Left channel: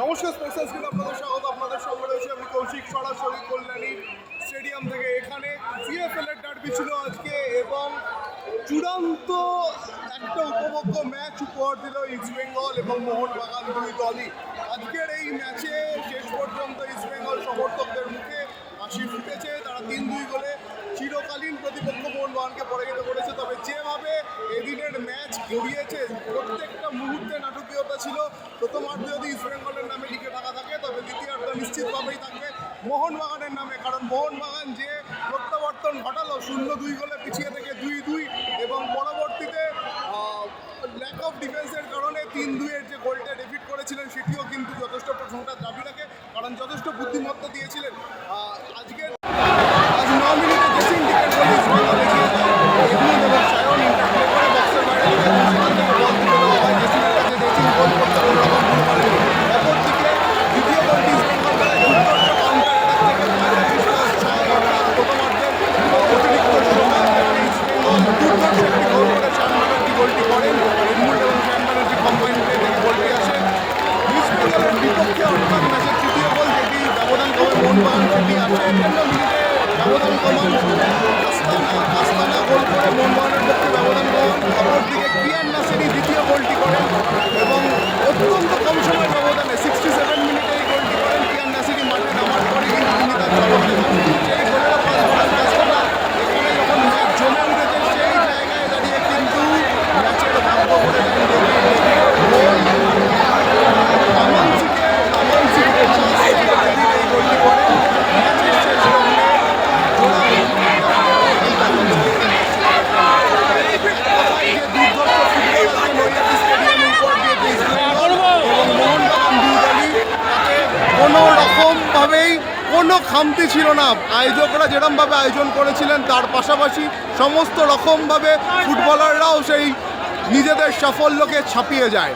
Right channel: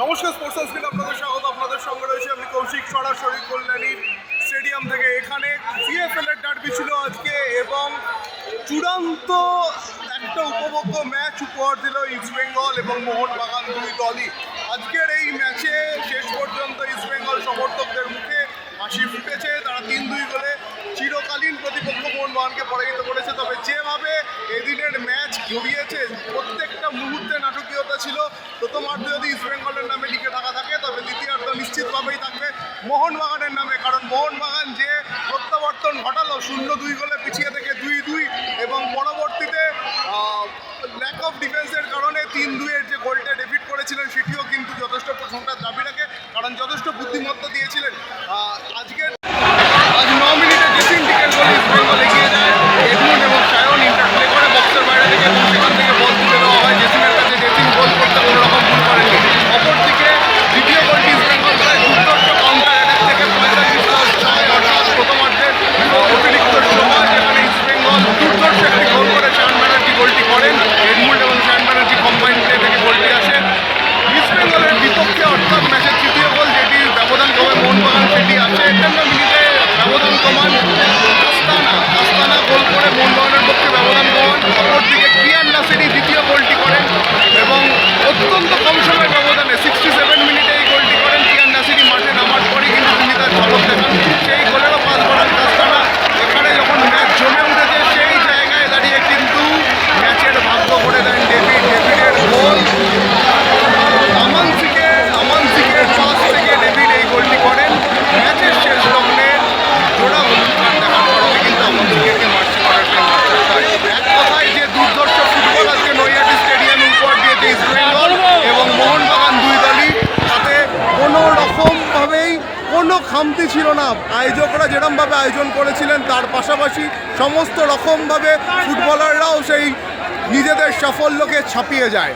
নমস্কার sports screen আপনাদের স্বাগত। আপনাদের সঙ্গে রয়েছে আমি কৌশিক সরাসরি কল্যাণী স্টেডিয়াম থেকে। এখানে সিএফএল এর ডার্বি ছিল আজকে এবং চূড়ান্ত একটা উপভোগ্য ম্যাচ উপহার দিল ইস্ট বেঙ্গল এবং মোহনবাগান দুই দলই। আজকের এই ম্যাচে শেষ পর্যন্ত ইস্ট বেঙ্গল সমর্থকদের মুখে হাসি ফুটেছে। তারা তিন দুই গোলে চিরকালীন প্রতিপক্ষ মোহনবাগানকে পরাজিত করেছে। তবে যেভাবে এদিনের ম্যাচ গড়িয়েছে প্রথমার্ধে যদি ইস্ট বেঙ্গলের নামে লিখে থাকা থাকে তবে দ্বিতীয়ার্ধ নিশ্চিতভাবেই থাকবে মোহনবাগানের নামে। কারণ মোহনবাগান যে প্রত্যাবর্তন ঘটালো শূন্য দুই গোলে পিছিয়ে থেকে দুই দুই এবং পরবর্তীতে ল্যাক অফ ডিফেন্সের কারণে তিন দুইয়ের যে গোলটা ডেবিট করেছিলেন সেটিও কিন্তু যথেষ্ট প্রশংসার দাবি রাখে। কারণ যথেষ্ট বুদ্ধিমত্তা দিয়েছিলেন। আহ, আজকের আজ ন মিনিটে জেসিন টিকের গোলে ইস্ট বেঙ্গল এগিয়ে যায় এডমুন্ড এবং সায়ন ইন্টারপ্লে করে বক্সের বাইরে থেকে এবং সেখান থেকে বল তুলে দেওয়া হয় জেসিনের কাছে জেসিন গোল করতে কোনো রকম ভুল করেনি অপরদিকে দ্বিতীয় গোলটি ইস্ট বেঙ্গল করে দুর্দর্শ কাউন্টার অ্যাটাক থেকে পঁয়তাল্লিশ প্লাস ছয় অর্থাৎ প্রথমার্ধের অতিরিক্ত সময় যেখানে ইস্ট বেঙ্গল দুর্দর্শ একটি গোল করে শায়ন ব্যানার্জি গোলটি করেন। এডমুন্ড এবং শায়ন ব্যানার্জি কম্বাইন প্লে থেকে গোলটি আসে। ইস্ট বেঙ্গলের বিপক্ষে অর্থাৎ ম্যাচের তৃতীয় গোল যেটি ব্যবধান কমে মোহনবাগান সেটি আছে। একান্ন মিনিটে ব্যবধান কমান কাস্তানা। কাস্তানা গোল করে মোহনবাগানের পক্ষে ব্যবধান কমান। অপরদিকে কিয়ান নাসেরি দ্বিতীয় গোলটি করেন এবং অত্যন্ত কম সময় ব্যবধানে সিক্সটি সেভেন মিনিটে এই গোলটি করেন কিয়ান নাসেরি মাঠে নামার পরে কিন্তু তিনি তার ঝলক দেখান সেই গোলেরও পাস করান কাস্তানা এখানে যখন ম্যাচ জমে উঠেছে সেই জায়গায় দাঁড়িয়ে কিন্তু ম্যাচের ভাগ্য করে দেন ডেভিড ডেভিডের গোল আমানসিকে আমানসিকে পাস থেকে ডেভিড এই গোলটি করেন ম্যাচের শেষ লগ্নে জোড়া হলুদ কার্ড দেখার কারণে কিন্তু আমানসিকে মার্চি করার জন্য আশ্বাস পায়। এক কথায় যে দুর্ধর্ষ ফুটবল আজকে নৈহাটি স্টেডিয়ামে উপহার দিয়েছে ইস্ট বেঙ্গল এবং মোহনবাগান দুই দলই তাতে কোনো রকমভাবেই কোনো খামতি ছিল না। আয়োজকরা যেরমভাবে আয়োজন করেছিলেন, তার পাশাপাশি সমস্ত রকমভাবে ফুটবলাররাও সেই নিজেদের সাফল্যকে ছাপিয়ে যায়।